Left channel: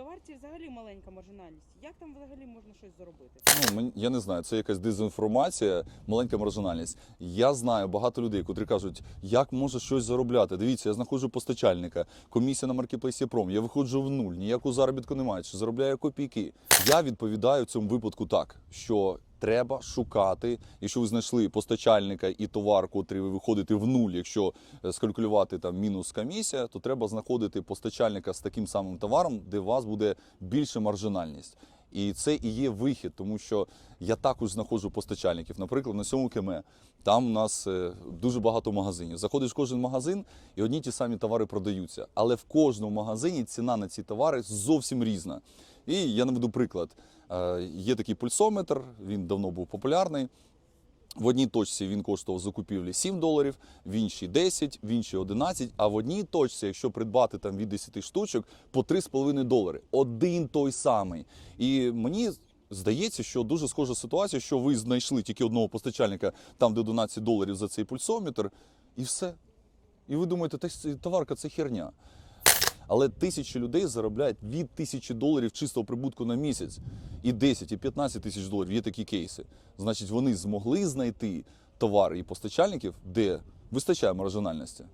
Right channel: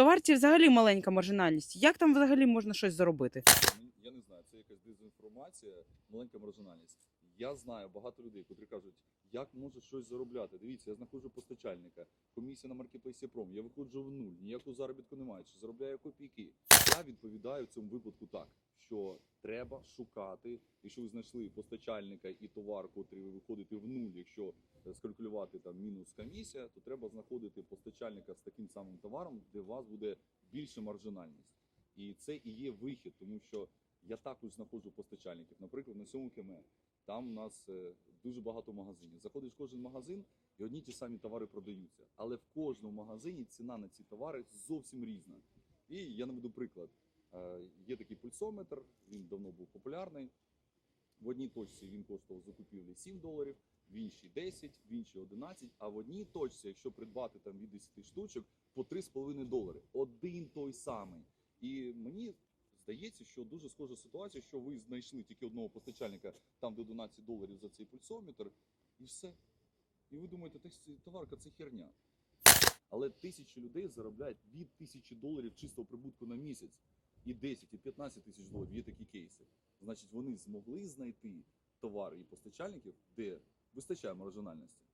товарці взагалі маленька маржинальність. Як там взагалі можна щось заробити? Ну, мені- я не знаю, це якась дезінформація, маленька маржинальність. Я знаю багато людей, котрі кажуть, як може щось заробляти. Дивіться, я знаходжу постачальника, комісія на маркетплейсі Пром, я виходжу в нуль, ніякого заробітку немає, чи заробляю копійки. Я відповідаю цьому випадку так, що треба шукати, якщо ви знайшли постачальника і товар, котрий ви виходите в нуль, якщо е, скалькулювати там мінус комісія, то треба знаходити постачальника з таким самим товаром, де у вас буде більша маржинальність. І це і є вихід, тому що я також знаходжу постачальників. Наприклад, на сьому КМ там у нас е, дуже багато магазинів. Заходиш в кожен магазин, і одні ті самі товари продаються. Але в кожному магазині ціна на ці товари зовсім різна. І я наведу приклад. Е, Є такий пульсометр, він давно був популярний. В одній точці він коштував закупівлі 7 доларів, в іншій 10, в іншій 11, а в одній точці, якщо придбати там від 10 штучок, по 3,5 долари. Один той самий. І мені здається, що дуже схожа ситуація, що ви знайшли тільки одного постачальника там, де 11 доларів за цей пульсометр, і все. І ви думаєте, товарка це херня. Але тисячі людей заробляють від тисячі доларів чистого прибутку на місяць. І 10, і 15 тисяч доларів є такі кейси. Значить, вони змогли знайти товари і постачальників, де вистачає маржинальності.